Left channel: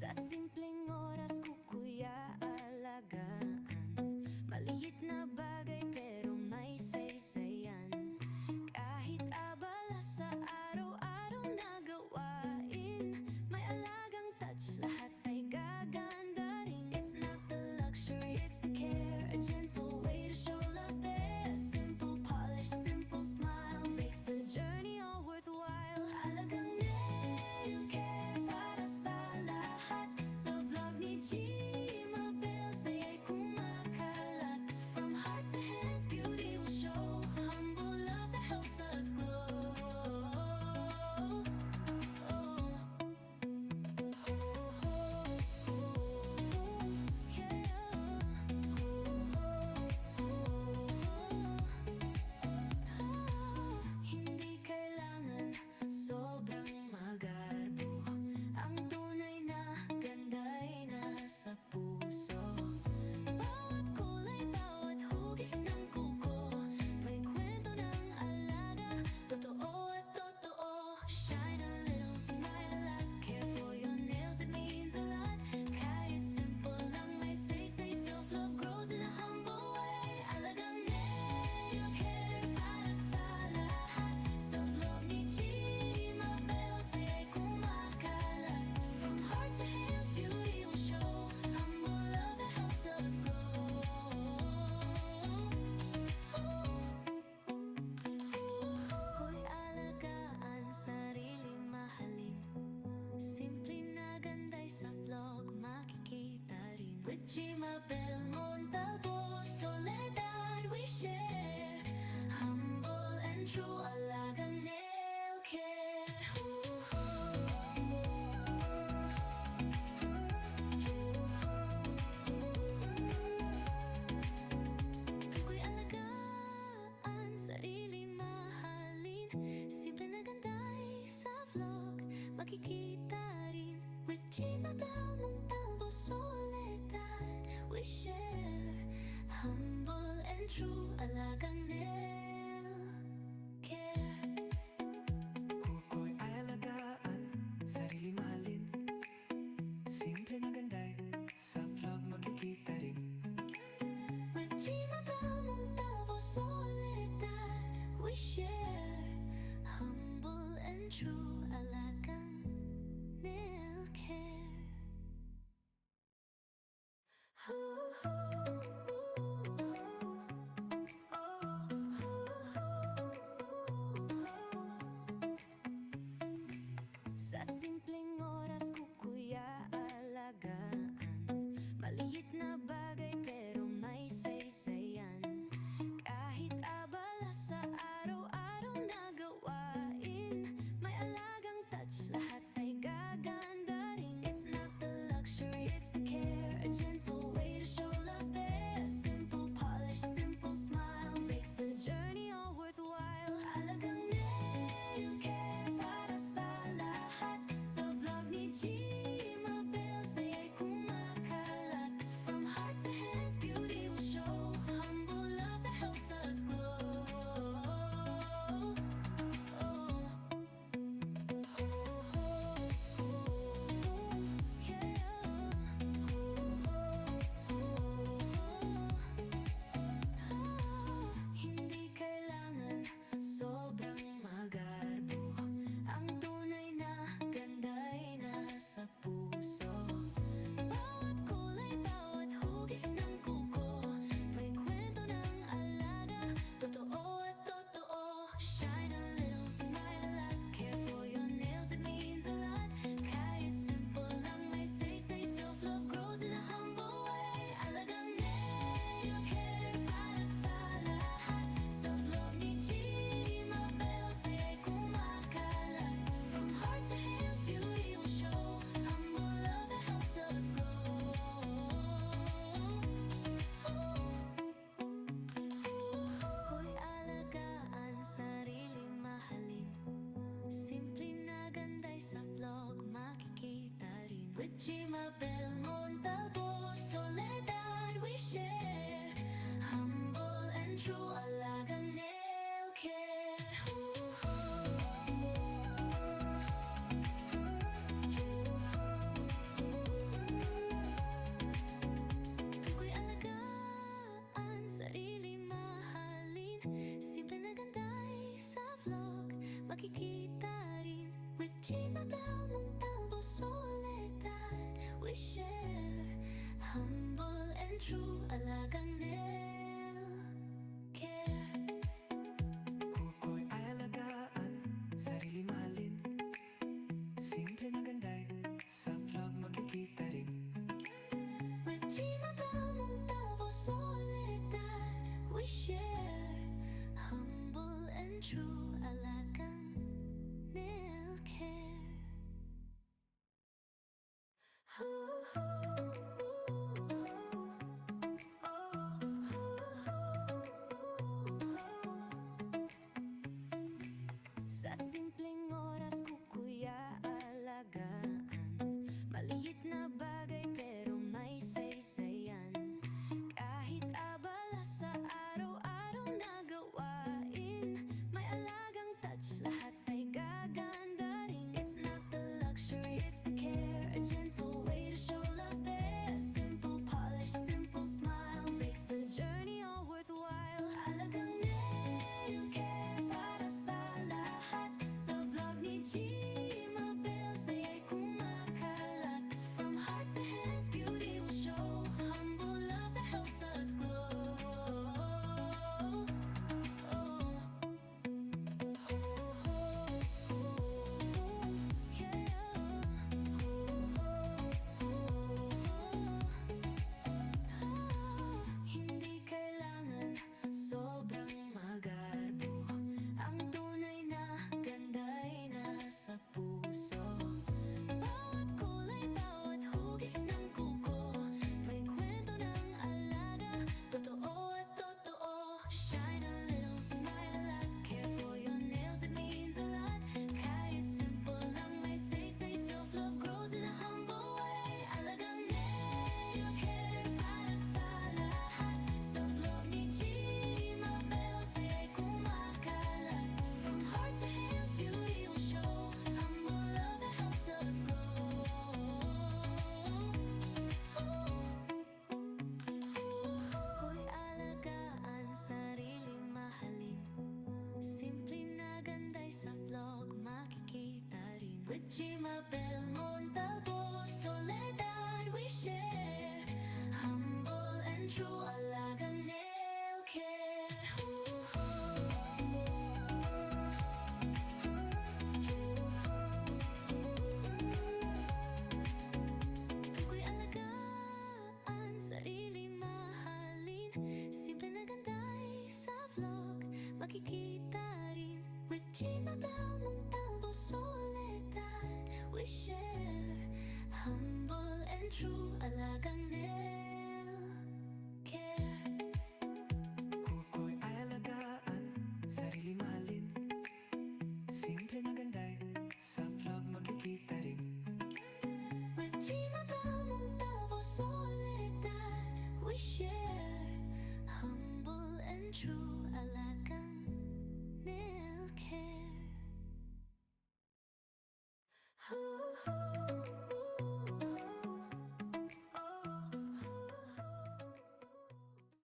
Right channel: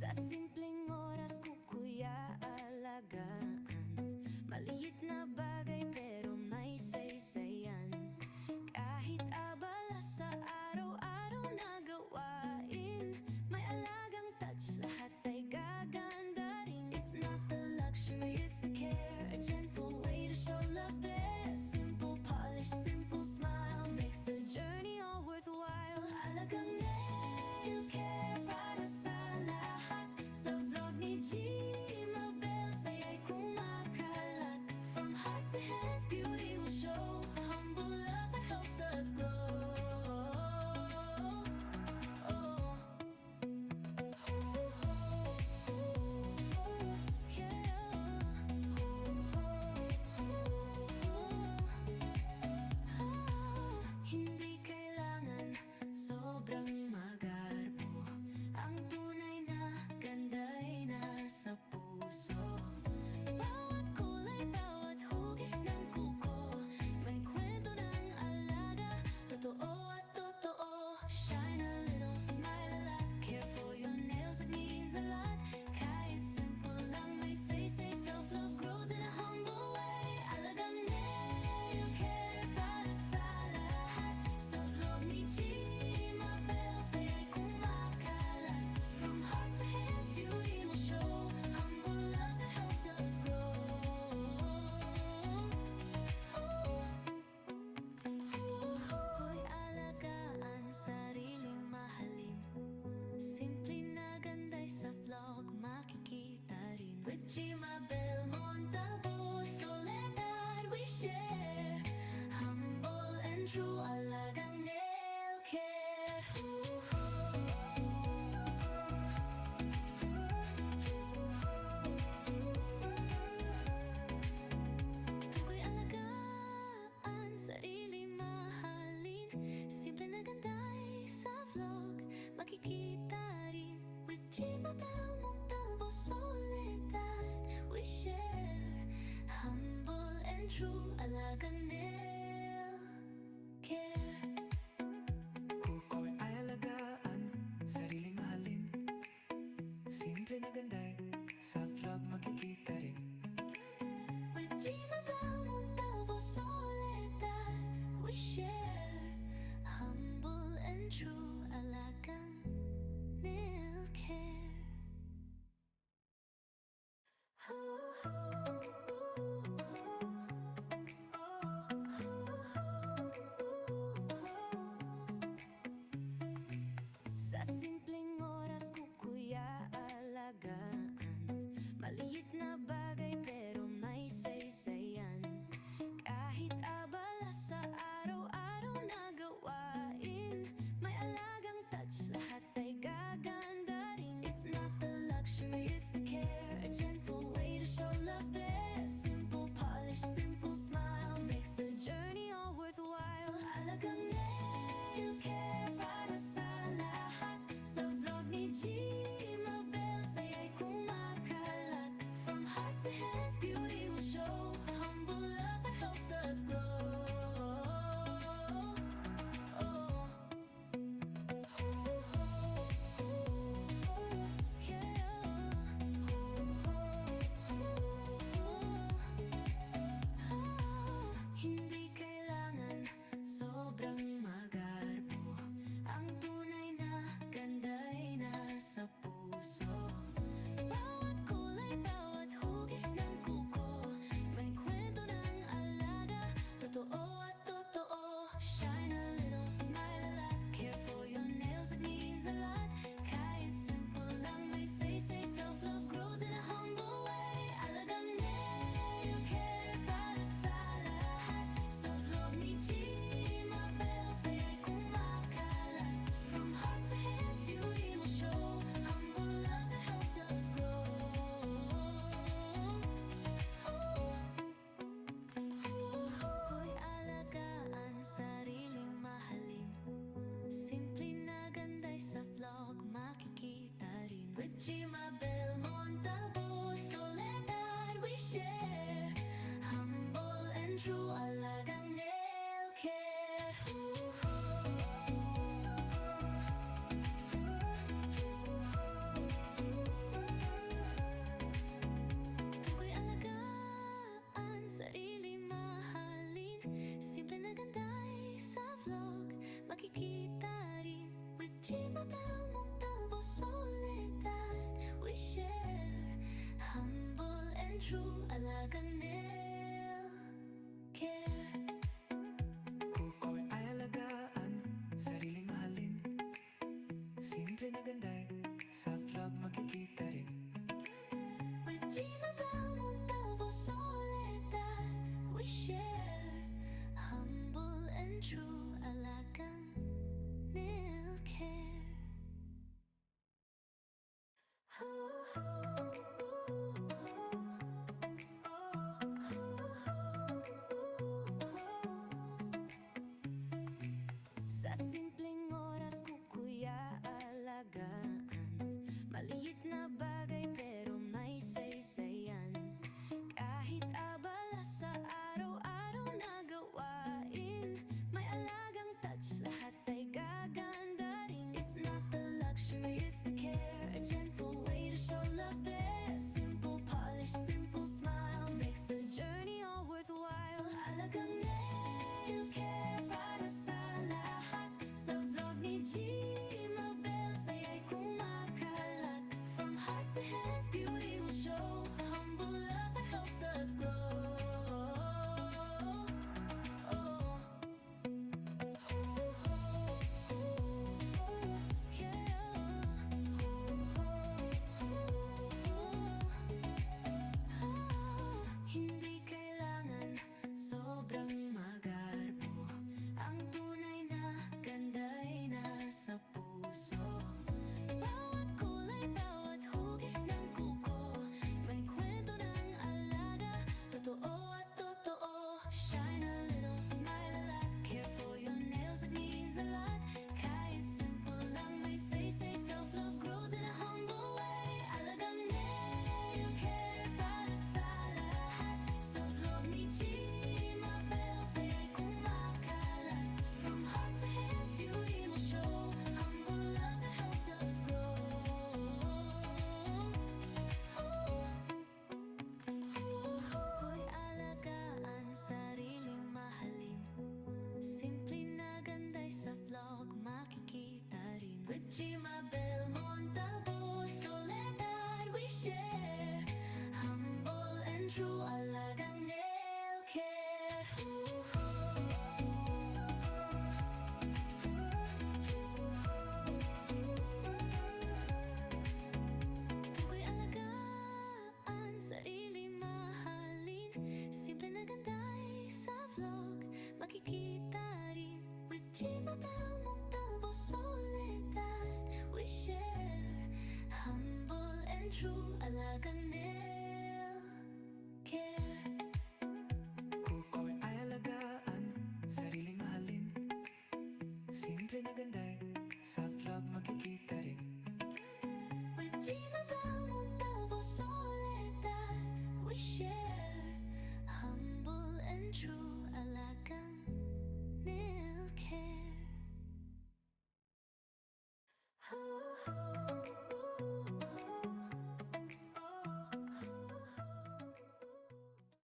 Sa simpleng oras ko kuya alagaan maliit na bagay pero may saysayan. Kahit abala sa araw-araw na gawain, may alagang touch, lahat ay gaganda rin. It's not the luxury, it's the care, a gentle way to show love's there. Simple polish, simple smile makes the journey all worthwhile. Alagang nail care para sa lahat. Sa vlog ni Gmabel, saya'y kumakalat. From heart to hands, beauty will show. Humble love that helps us glow. Hindi kailangan sobrang magarbo. Ang tunay na ganda ay nasa puso. Bawat kulay, bawat hugis ng kuko, may kwento ng alaga, totoo at totoo. Shine a little, smile a lot, care for your nails, it means a lot. Kahit simple lang may say, self-love grows in a humble way. Alagang nail care para sa lahat. Sa vlog ni Gmabel, saya'y kumakalat. From heart to hands, beauty will show. Humble love that helps us glow. Hoy, alagaan, sariling mahalin. Simple na ganda'y sa vlog makikita rin. With Gmabel Montalvo, Soledad we share. Humble and true, alagang nail care. Tukoy alagaan, sarili mahalin. Simple na ganda'y sa vlog makikita rin. With Gmabel Montalvo, Soledad we share. Humble and true, alagang nail care. Kuko'y ay alagaan, sarili mahalin. Simple na ganda'y sa vlog makikita rin. With Gmabel Montalvo, Soledad we share. Humble and true, alagang nail care. Sa simpleng oras ko kuya alagaan maliit na bagay pero may saysayan. Kahit abala sa araw-araw na gawain, may alagang touch, lahat ay gaganda rin. It's not the luxury, it's the care, a gentle way to show love's there. Simple polish, simple smile makes the journey all worthwhile. Alagang nail care para sa lahat. Sa vlog ni Gmabel, saya'y kumakalat. From heart to hands, beauty will show. Humble love that helps us glow. Hindi kailangan sobrang magarbo. Ang tunay na ganda ay nasa puso. Bawat kulay, bawat hugis ng kuko, may kwento ng alaga, totoo at totoo. Shine a little, smile a lot, care for your nails, it means a lot. Kahit simple lang may say, self-love grows in a humble way. Alagang nail care para sa lahat. Sa vlog ni Gmabel, saya'y kumakalat. From heart to hands, beauty will show. Humble love that helps us glow. Hoy, alagaan, sariling mahalin. Simple na ganda'y sa vlog makikita rin. With Gmabel Montalvo, Soledad we share. Humble and true, alagang nail care. makikita rin. With Jimabel Montalvo, Soledad, we share humble and true alagang nail care. Kuko'y ay alagaan, sarili mahalin. Simple na ganday, sa vlog makikita rin. With Jimabel Montalvo, Soledad, we share humble and true alagang nail care. Sa simpleng oras ko kuya alagaan, maliit na bagay pero may saysayan. Kahit abala sa araw-araw na gawain, may alagang touch, lahat ay gaganda rin. It's not the luxury, it's the care, a gentle way to show love's there. Simple polish, simple smile makes the journey all worthwhile. Alagang nail care para sa lahat. Sa vlog ni Jimabel, saya'y kumakalat. From heart to hands, beauty will show. Humble love that helps us glow. Oh. Hindi kailangan sobrang magarbo, ang tunay na ganda'y nasa puso. Bawat kulay, bawat hugis ng kuko, may kwento ng alaga, totoo at totoo. Shine a little, smile a lot, care for your nails, it means a lot. Kahit simple lang may say, self-love grows in a humble way. Alagang nail care para sa lahat. Sa vlog ni Jimabel, saya'y kumakalat. From heart to hands, beauty will show. Humble love that helps us glow. Hoy alagaan, sariling mahalin. Simple na ganday sa vlog makikita rin. With Jimabel Montalvo, Soledad, we share humble and true alagang nail care. Tukoy alagaan, sarili mahalin. Simple na ganday sa vlog makikita rin. With Jimabel Montalvo, Soledad, we share humble and true alagang nail care. Kuko'y ay alagaan, sarili mahalin. Simple na ganday, sa vlog makikita rin. With Jimabel Montalvo, Soledad, we share